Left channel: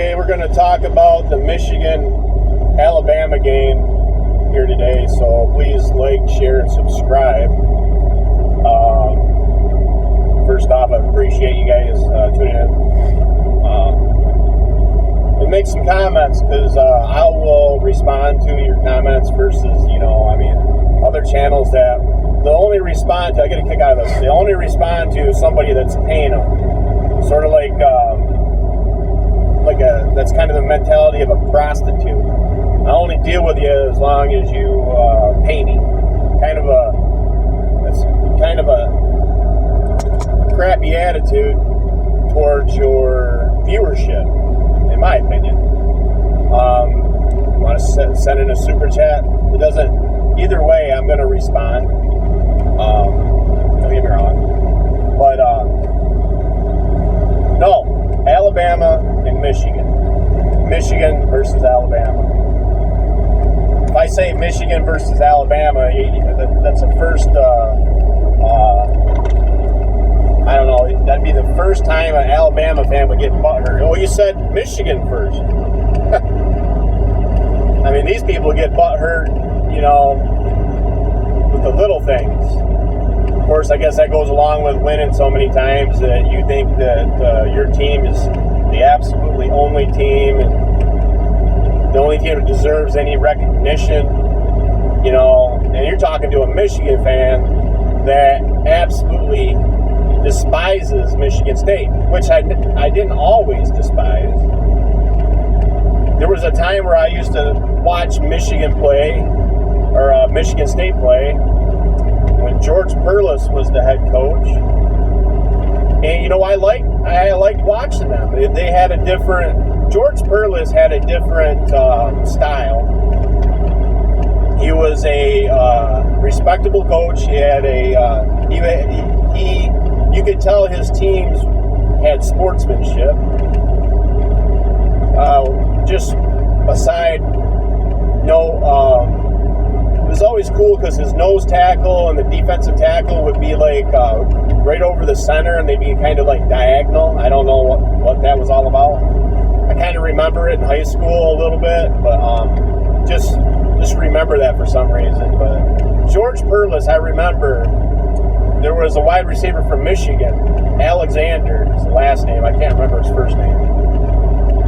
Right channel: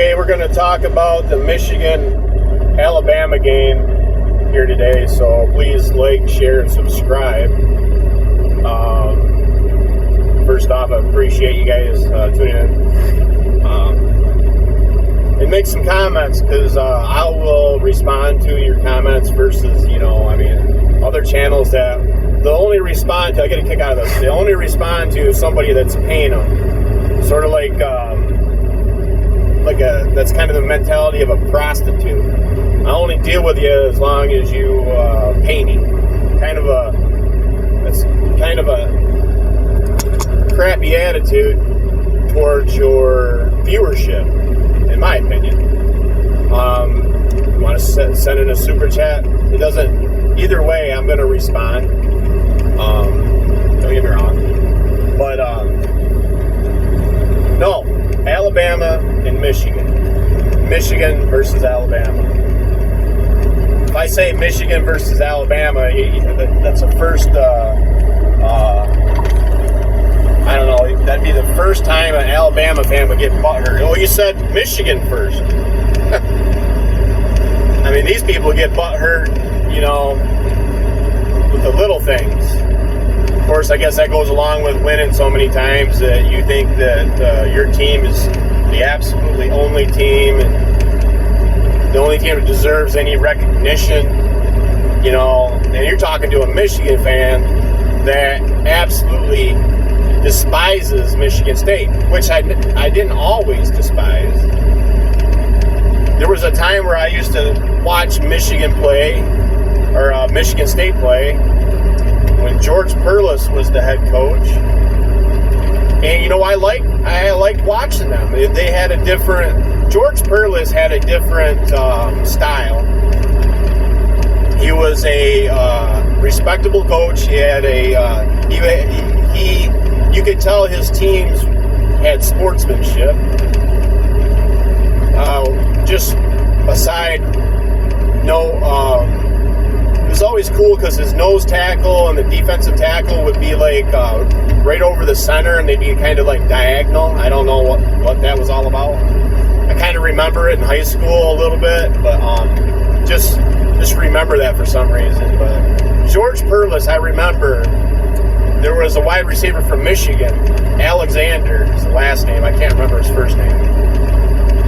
Okay, we're going to talk about the Michigan-Alabama game here today, so please like, share, and subscribe. First off, I appreciate you guys tuning in. And make some comments, because I will respond to your comments versus, other channels that they'll only respond to, I get a kick out of this, they only respond to somebody that's paying them. Sort of like that's kind of the mentality of a prostitute. I only deal with you as long as you pay me. That's kind of a crappy attitude towards your viewership, in my opinion. You want to send in a super chat? It doesn't. Either way, I'm going to respond. Don't get me wrong, but no, Alabama and Michigan versus Alabama. If I say Michigan versus Alabama, that's the first, I don't know, that'd be the first time an Alabama fan would get butthurt. Oh, you said Michigan first. I mean, these people get butthurt, with the little things. Of course, I guess that goes along with winning so many times that you think that your team is the absolutely only team, and the only team that deserves any recognition, and you're talking to a Michigan fan that absolutely despises Michigan State, which I didn't always despise. There was a time where I used to watch Michigan play, or Michigan State play, when George Perles was the head coach. And I liked watching them. They had a different, George Perles had a different style. He was a respectable coach. He had you could tell his teams had sportsmanship. Just aside, it was always cool because his nose tackle and the defensive tackle would be like right over the center, and they'd be kind of like diagonal. I don't know what that was all about. I kind of remember it in high school a little bit, but just remember that for some reason. But George Perles, I remember there was a wide receiver from Michigan, Alexander is the last name. I can't remember his first name,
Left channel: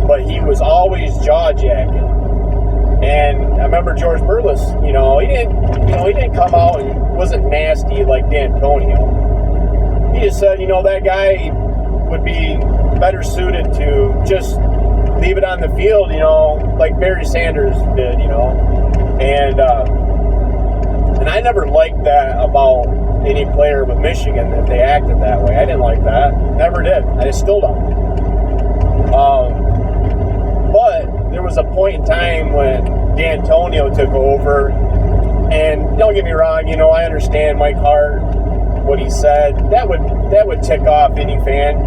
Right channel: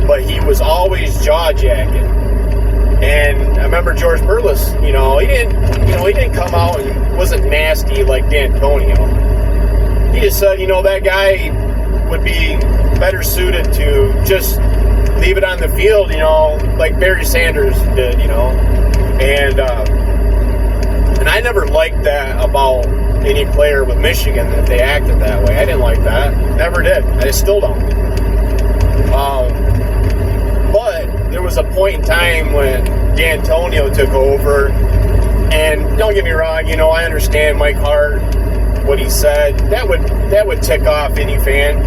but he was always jaw-jacking. And I remember George Perles, he didn't come out and wasn't nasty like D'Antonio. He just said, that guy would be better suited to just leave it on the field, like Barry Sanders did, And I never liked that about any player with Michigan, that they acted that way. I didn't like that. Never did. I still don't. But there was a point in time when D'Antonio took over, and don't get me wrong, I understand Mike Hart, what he said. That would tick off any fan.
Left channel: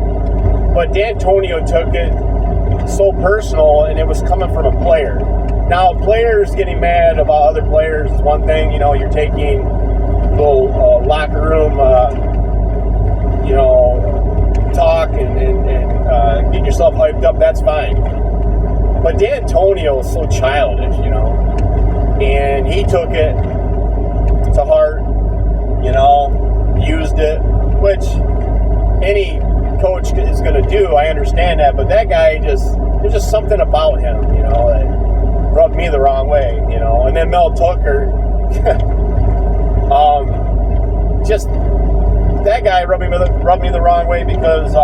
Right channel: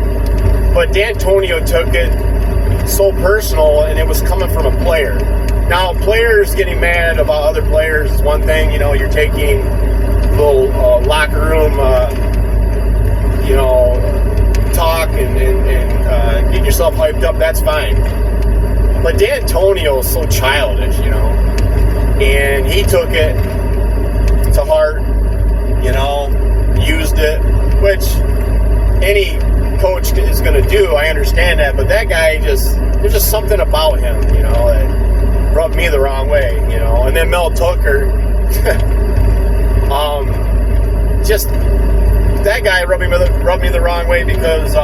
But D'Antonio took it so personal, and it was coming from a player. Now, players getting mad about other players is one thing. You're taking little locker room, talk and get yourself hyped up. That's fine. But D'Antonio is so childish, and he took it to heart, used it, which any coach is going to do. I understand that, but that guy there's just something about him, that rubbed me the wrong way, And then Mel Tucker, that guy rubbed me the wrong way because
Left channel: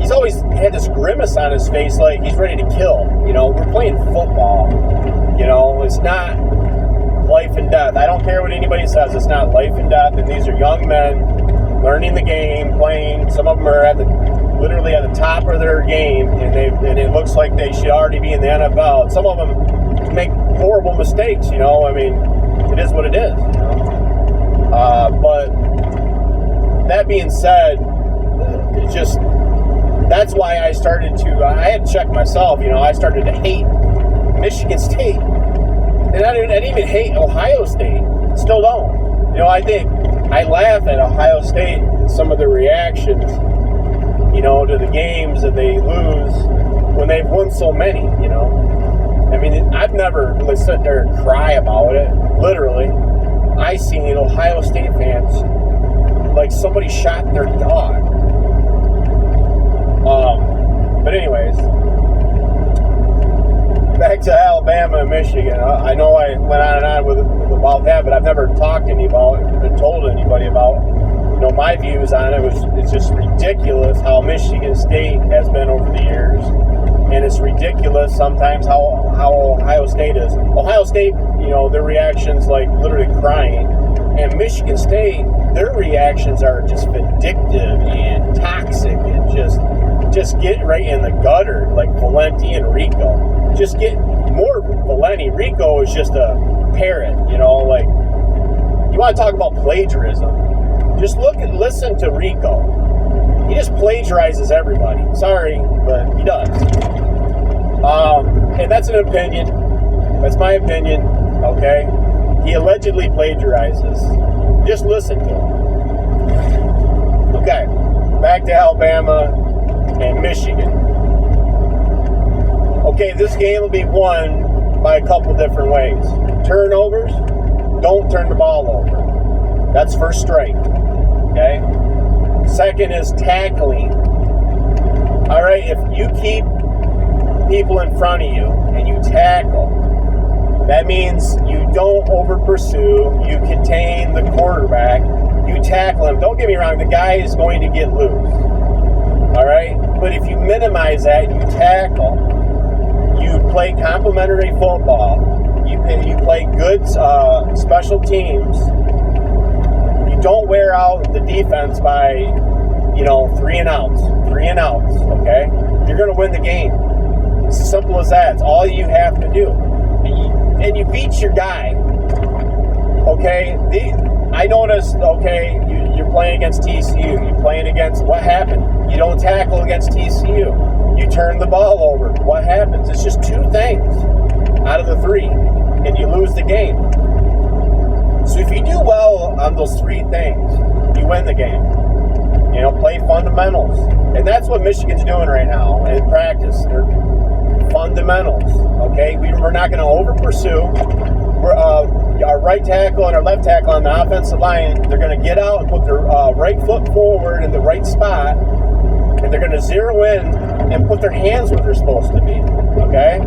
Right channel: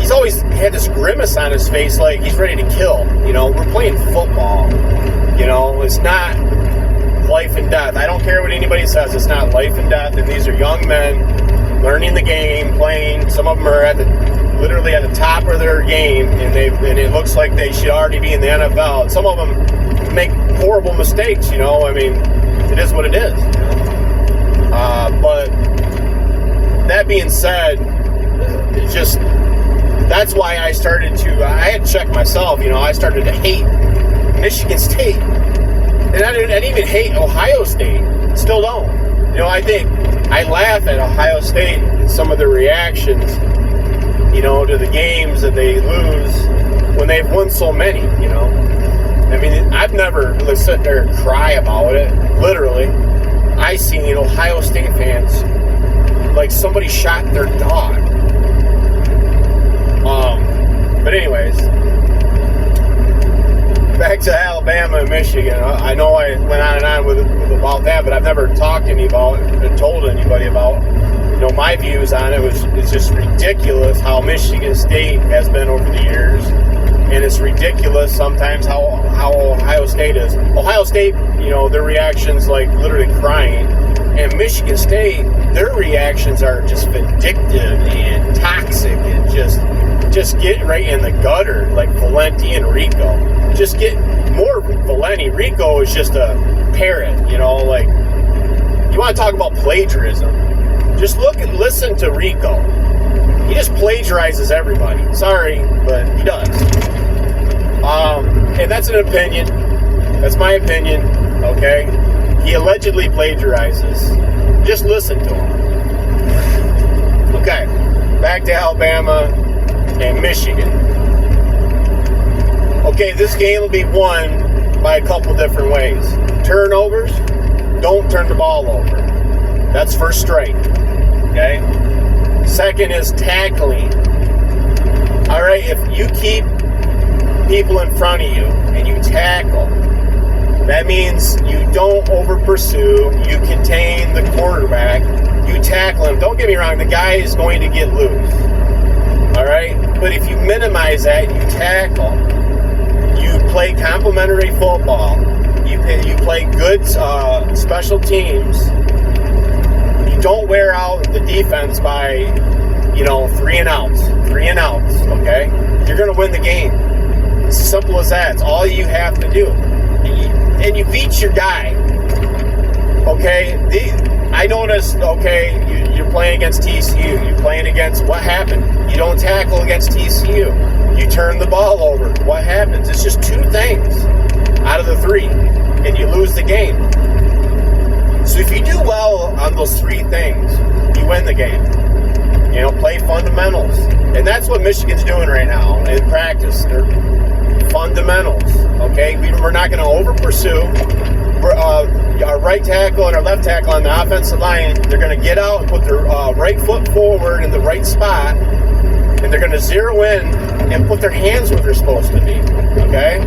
he's always had this grimace on his face like he's ready to kill. We're playing football. It's not life and death. I don't care what anybody says. It's not life and death. And these are young men learning the game, playing. Some of them are literally at the top of their game, and it looks like they should already be in the NFL. And some of them make horrible mistakes. It is what it is. But that being said, that's why I had to check myself, I started to hate Michigan State. And I didn't even hate Ohio State. Still don't. I think I laugh at Ohio State and some of the reactions, to the games that they lose when they've they've won so many, you know. I mean, I've never like sit there and cry about it. Literally, I seen Ohio State fans like somebody shot their dog. But anyways, back to Alabama and Michigan. I know I went on and on with about that, but I've never talked to anybody about it and told anybody about my views on it. It's just ridiculous how Michigan State has been over the years, and it's ridiculous sometimes how Ohio State is. Ohio State, their reactions like literally crying, and Michigan State, their reactions are just vindictive and toxic and just get right in the gutter, like Valenti and Rico. Just get more Valenti. Rico is just a parrot, like, you want to talk about plagiarism. Just look and listen to Rico. He just plagiarizes everybody. Sorry, but he does. And that's an opinion. That's my opinion, okay? He allegedly plagiarizes. Just listen to him. Okay, back to Alabama and Michigan. Okay, this game will be won by a couple different ways. Turnovers, don't turn the ball over. That's first strike, okay? Second is tackling. All right, if you keep people in front of you and you tackle, that means you don't over pursue, you contain the quarterback, you tackle him. Don't get me wrong, the guy is going to get loose. All right, but if you minimize that, you tackle, you play complementary football, you play good special teams, you don't wear out the defense by 3 and outs, okay? You're going to win the game. It's as simple as that. It's all you have to do. And you beat your guy, okay? I noticed, okay, you're playing against TCU. You're playing against, what happened? You don't tackle against TCU. You turn the ball over. What happens? It's just 2 things out of the 3, and you lose the game. So if you do well on those 3 things, you win the game. Play fundamentals. And that's what Michigan's doing right now in practice. They're fundamentals, okay? We're not going to over-pursue. Our right tackle and our left tackle on the offensive line, they're going to get out and put their right foot forward in the right spot, and they're going to zero in and put their hands where they're supposed to be, okay?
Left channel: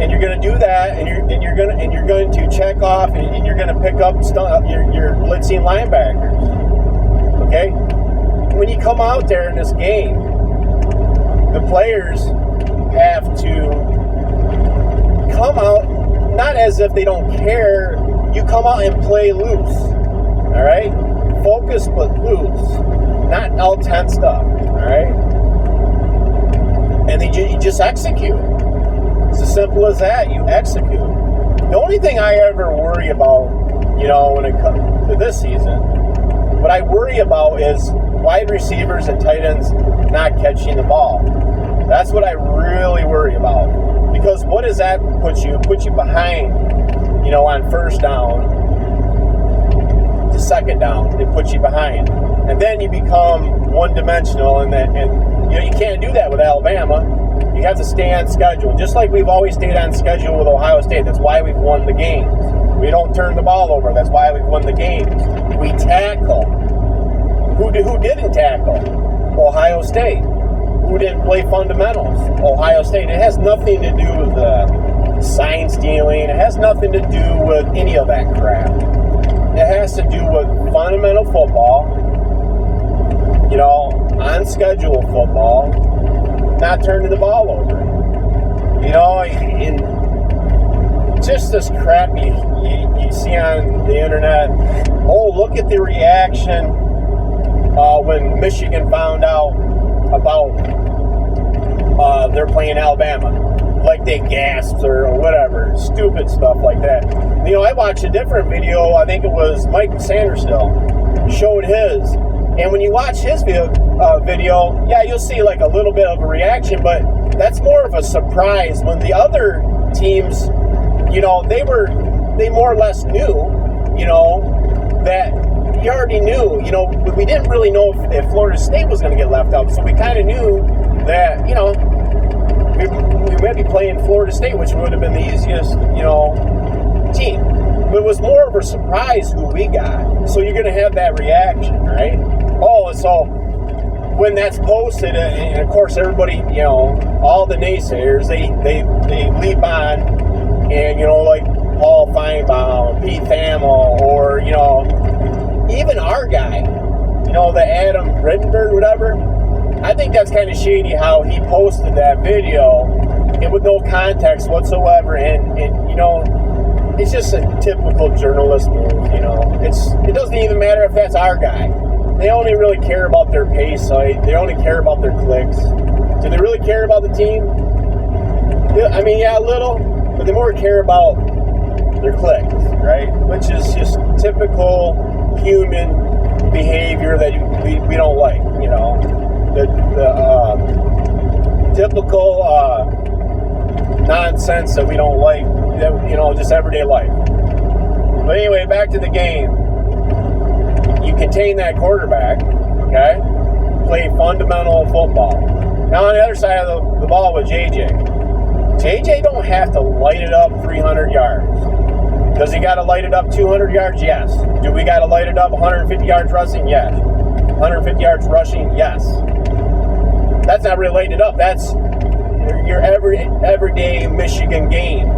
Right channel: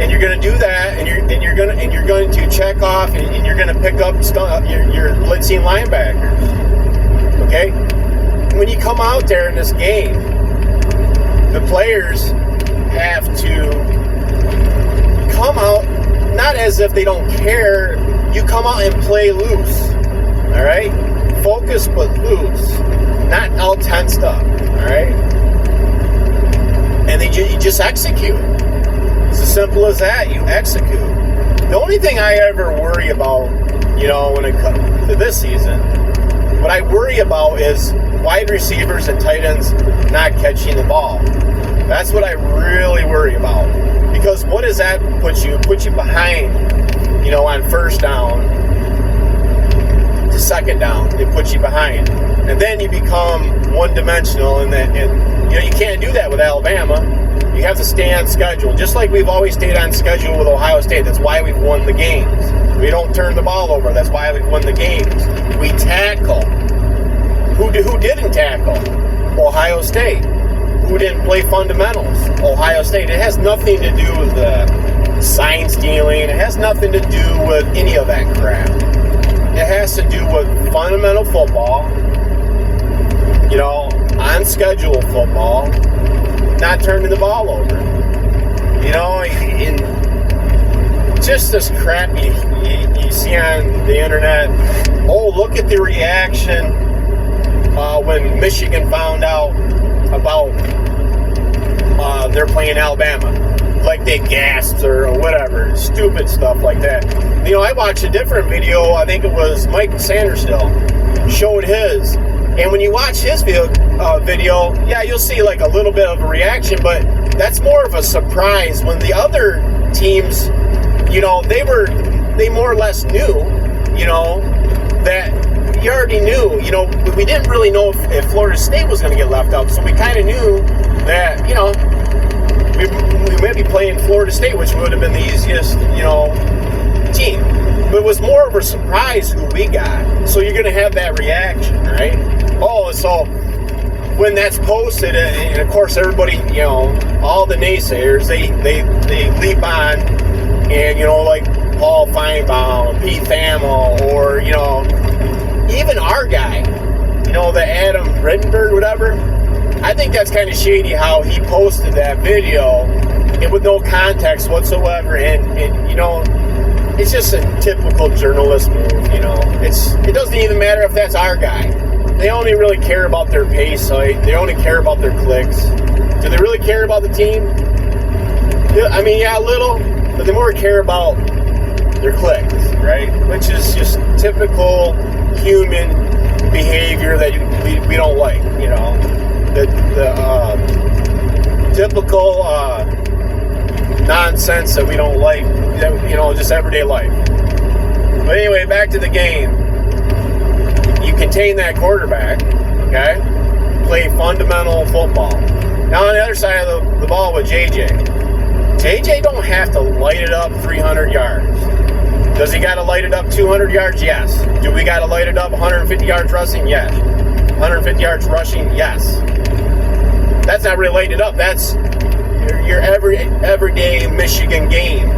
And you're going to do that, and you're going to check off, and you're going to pick up your blitzing linebackers. Okay? When you come out there in this game, the players have to come out, not as if they don't care, you come out and play loose. Alright? Focus but loose. Not all tensed up. Alright? And you just execute. It's as simple as that. You execute. The only thing I ever worry about, when it comes to this season, what I worry about is wide receivers and tight ends not catching the ball. That's what I really worry about. Because what does that put you? Put you behind, on first down to second down. It puts you behind. And then you become one-dimensional, and you can't do that with Alabama. You have to stay on schedule, just like we've always stayed on schedule with Ohio State. That's why we've won the games. We don't turn the ball over. That's why we've won the games. We tackle. Who didn't tackle? Ohio State. Who didn't play fundamentals? Ohio State. It has nothing to do with the sign stealing. It has nothing to do with any of that crap. It has to do with fundamental football, on schedule football, not turning the ball over. And just this crap you see on the internet. Oh, look at the reaction when Michigan found out about they're playing Alabama. Like they gasped or whatever. Stupid stuff like that. I watched a different video. I think it was Mike Sanderstill showed his. And when you watch his video, yeah, you'll see like a little bit of a reaction, but that's more of a surprise when the other teams, they more or less knew, that you already knew, we didn't really know if Florida State was going to get left out. So we kind of knew that, we might be playing Florida State, which would have been the easiest, team. But it was more of a surprise who we got. So you're going to have that reaction, right? Oh, so when that's posted, and of course everybody, all the naysayers, they leap on, and, like Paul Feinbaum, Pete Thamel, or, even our guy, the Adam Rittenberg, whatever. I think that's kind of shady how he posted that video and with no context whatsoever, and it's just a typical journalist move, it doesn't even matter if that's our guy. They only really care about their pay site. They only care about their clicks. Do they really care about the team? I mean, yeah, a little, but they more care about their clicks, right? Which is just typical human behavior that we don't like, the typical nonsense that we don't like, just everyday life. But anyway, back to the game. You contain that quarterback, okay? Play fundamental football. Now on the other side of the ball with JJ don't have to light it up 300 yards. Does he got to light it up 200 yards? Yes. Do we got to light it up 150 yards rushing? Yes. 150 yards rushing? Yes. That's not really lighting it up. That's your everyday Michigan game.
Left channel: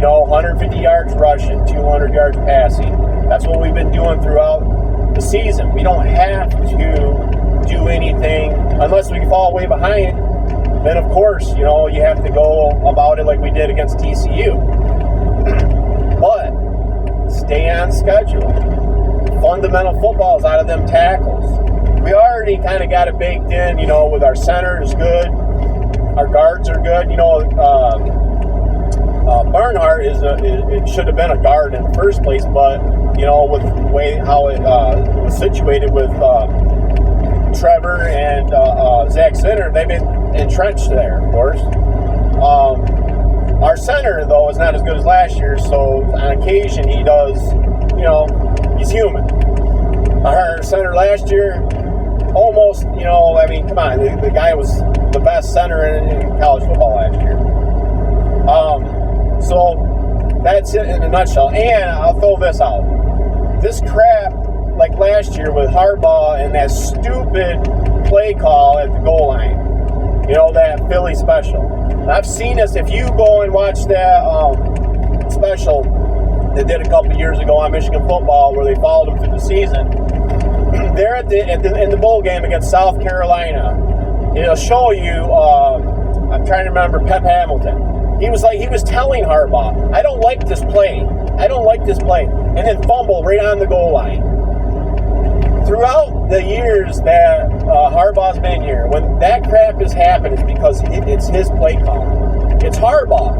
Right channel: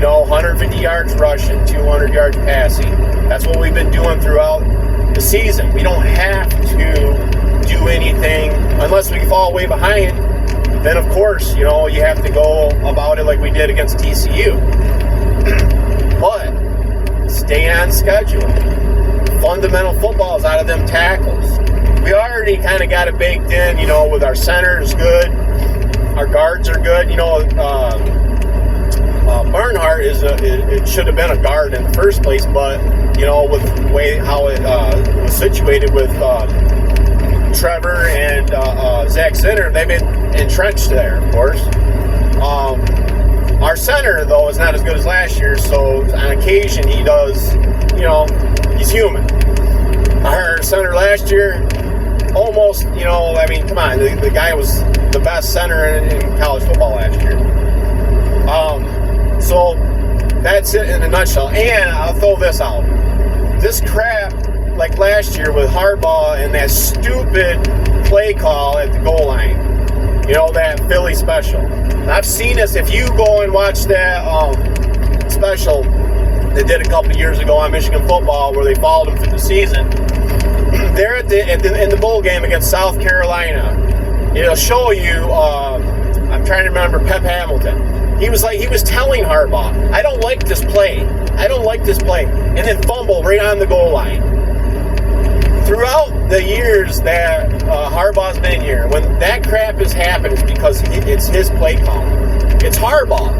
150 yards rushing, 200 yards passing. That's what we've been doing throughout the season. We don't have to do anything unless we fall way behind. Then, of course, you have to go about it like we did against TCU. But stay on schedule. Fundamental football is out of them tackles. We already kind of got it baked in, with our centers good. Our guards are good. Bernhardt it should have been a guard in the first place, but, with the way how it was situated with Trevor and Zach Zinner, they've been entrenched there, of course. Our center, though, is not as good as last year, so on occasion he does, he's human. Our center last year, almost, come on, the guy was the best center in college football last year. So that's it in a nutshell. And I'll throw this out. This crap, like last year with Harbaugh and that stupid play call at the goal line, that Philly special. I've seen this. If you go and watch that special they did a couple of years ago on Michigan football where they followed them through the season, they're in the bowl game against South Carolina. It'll show you, I'm trying to remember, Pep Hamilton. He was telling Harbaugh, I don't like this play. And then fumble right on the goal line. Throughout the years that Harbaugh's been here, when that crap has happened, it's because it's his play call. It's Harbaugh.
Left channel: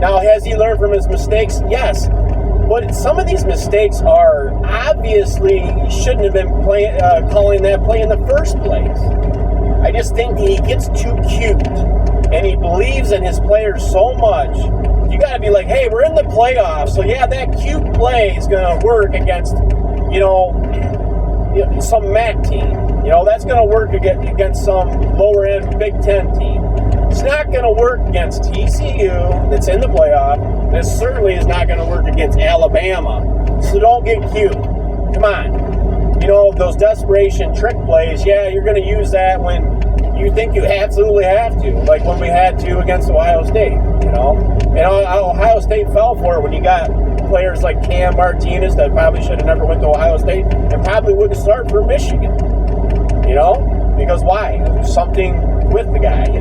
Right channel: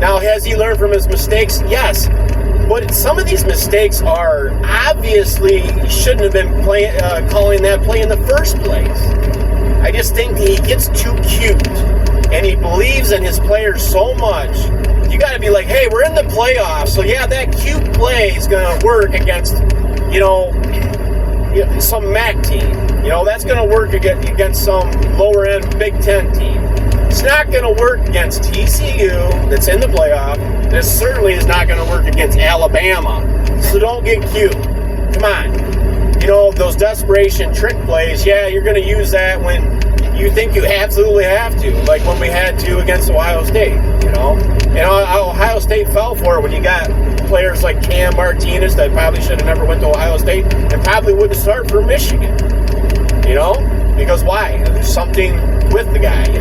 Now, has he learned from his mistakes? Yes. But some of these mistakes are obviously he shouldn't have been calling that play in the first place. I just think he gets too cute. And he believes in his players so much, you got to be like, hey, we're in the playoffs, so yeah, that cute play is going to work against, some MAC team. That's going to work against some lower-end Big Ten team. It's not going to work against TCU, that's in the playoff, and it certainly is not going to work against Alabama. So don't get cute. Come on. Those desperation trick plays, yeah, you're going to use that when you think you absolutely have to, like when we had to against Ohio State, Ohio State fell for it when you got players like Cam Martinez that probably should have never went to Ohio State and probably wouldn't start for Michigan, because why? There's something with the guy, he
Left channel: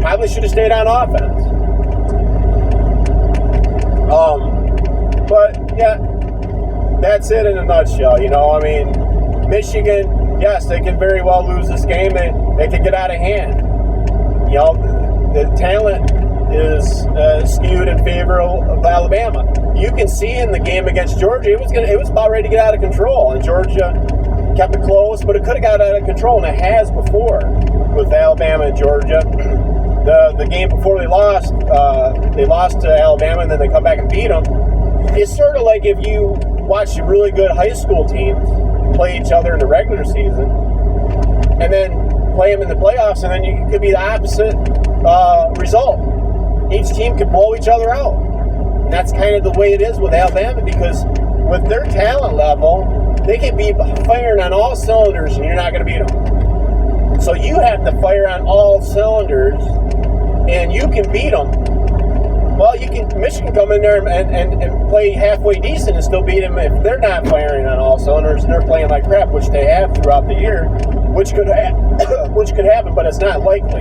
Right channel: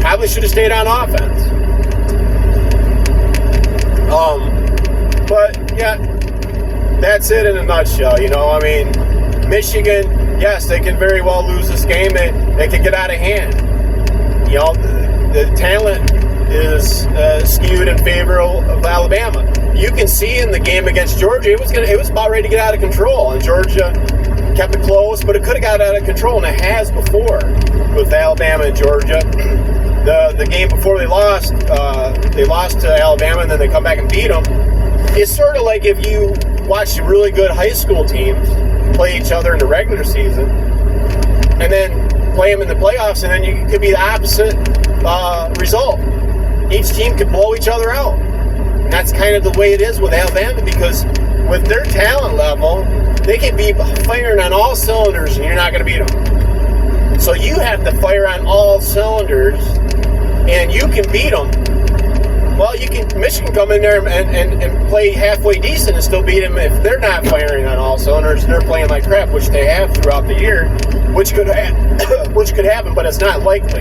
probably should have stayed on offense. But, yeah, that's it in a nutshell, Michigan, yes, they can very well lose this game. They could get out of hand. The talent is skewed in favor of Alabama. You can see in the game against Georgia, it was about ready to get out of control, and Georgia kept it close, but it could have got out of control, and it has before with Alabama and Georgia. The game before they lost to Alabama, and then they come back and beat them. It's sort of like if you watch really good high school teams play each other in the regular season, and then play them in the playoffs, and then you could be the opposite result. Each team could blow each other out. And that's kind of the way it is with Alabama, because with their talent level, they can be firing on all cylinders, and you're not going to beat them. So you have to fire on all cylinders, and you can beat them. Well, Michigan come in there and play halfway decent and still beat them if they're not firing on all cylinders and they're playing like crap, which they have throughout the year, which could happen, but it's not likely.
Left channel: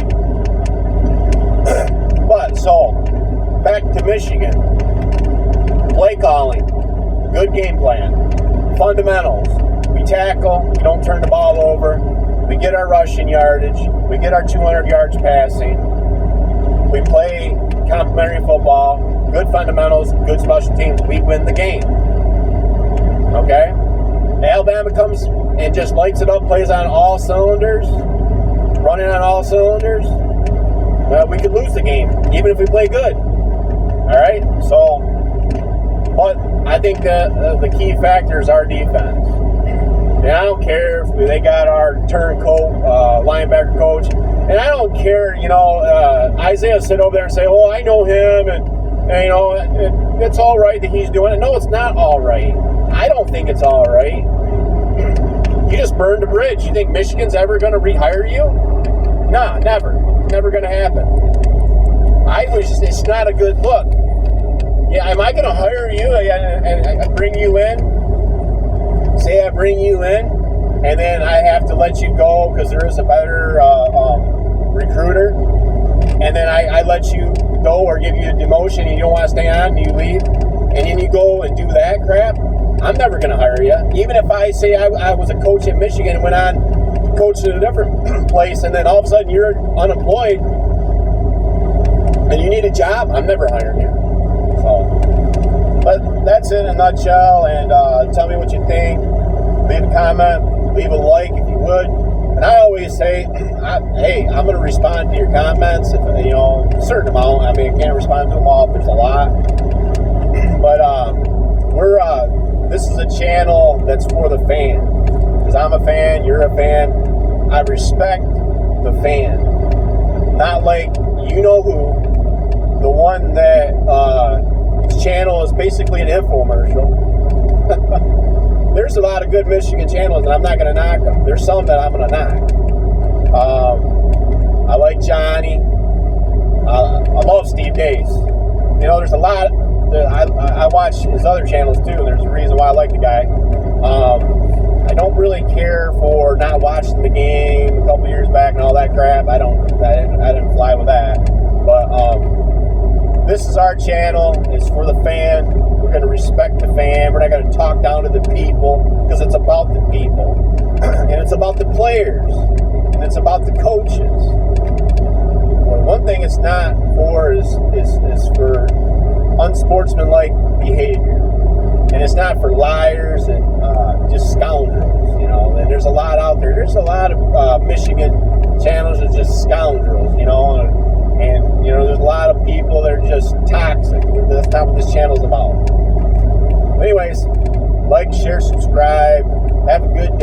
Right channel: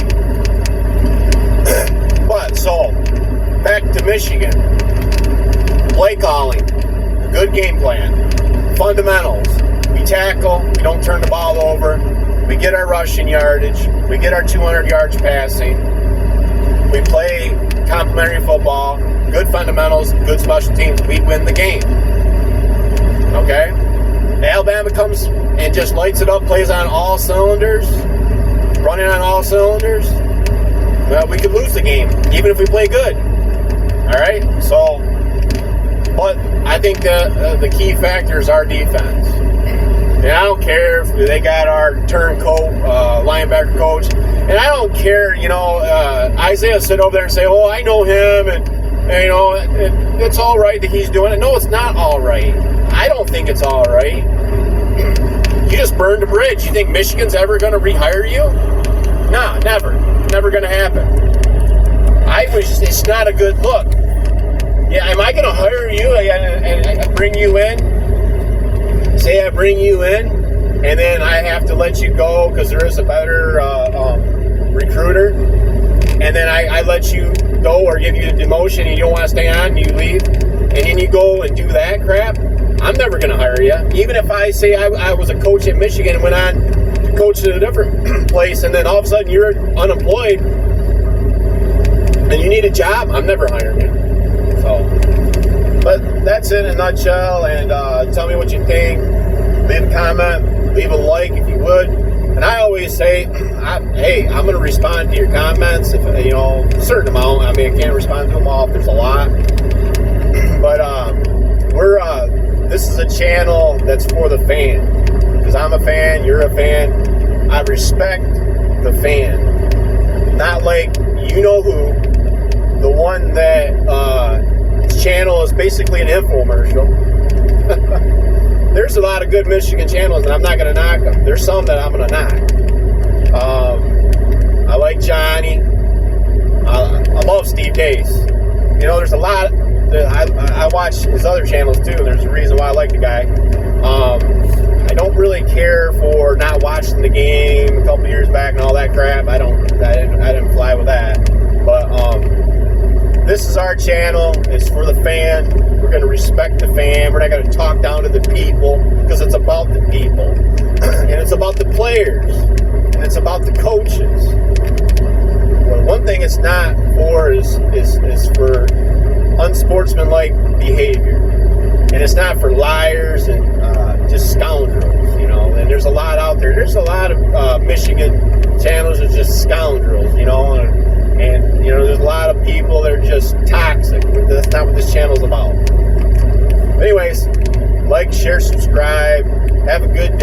But so back to Michigan, play calling, good game plan, fundamentals. We tackle, we don't turn the ball over, we get our rushing yardage, we get our 200 yards passing, we play complementary football, good fundamentals, good special teams, we win the game. Okay? Alabama comes and just lights it up, plays on all cylinders, running on all cylinders. Well, we could lose the game, even if we play good. Alright? So, but I think the key factor is our defense. And I don't care if they got our turncoat linebacker coach. And I don't care, Isaiah sit over there and say, well, I know him, and it's all right that he's doing it. No, it's not all right. I don't think it's all right. You just burned a bridge. You think Michigan's ever going to rehire you? No, never. Never going to happen. It's not a good look. Yeah, am I going to hire you and bring you in? Say I bring you in, and then I have to let you go because there is a better recruiter, and then I let you go or give you a demotion and you don't want to stay on, and you leave, and then you go and do that crap. I'm never going to hire you. Even if I say I was a coach at Michigan and went on to coach at a different place, and then all of a sudden you're unemployed and you need a job, I'm never hiring you. So, but that's it in a nutshell, and tell me what you think. Leave a comment, leave a like if you would. And I always say, I'm going to respond to your comments if, a certain amount. I mean, I can't respond to them all if there's a lot. But this is a channel that's for the fan. Because I'm a fan, you're a fan. I respect the fan. Not like you-know-who, the one that channel is basically an infomercial. There's a lot of good Michigan channels, and I'm not going to knock them. There's some that I'm going to knock. I like Johnny. I love Steve Dace. There's a lot. I watch his other channels too, and there's a reason why I like the guy. I don't really care for not watching the game a couple years back and all that crap. I didn't fly with that. But this is our channel. It's for the fan. We're going to respect the fan. We're not going to talk down to the people, because it's about the people. And it's about the players. And it's about the coaches. Well, one thing it's not for is for unsportsmanlike behavior. And it's not for liars and just scoundrels, And there's a lot out there. There's a lot of Michigan channels that are just scoundrels, and there's a lot of people that are just toxic. That's not what this channel's about. Anyways, like, share, subscribe. Have a good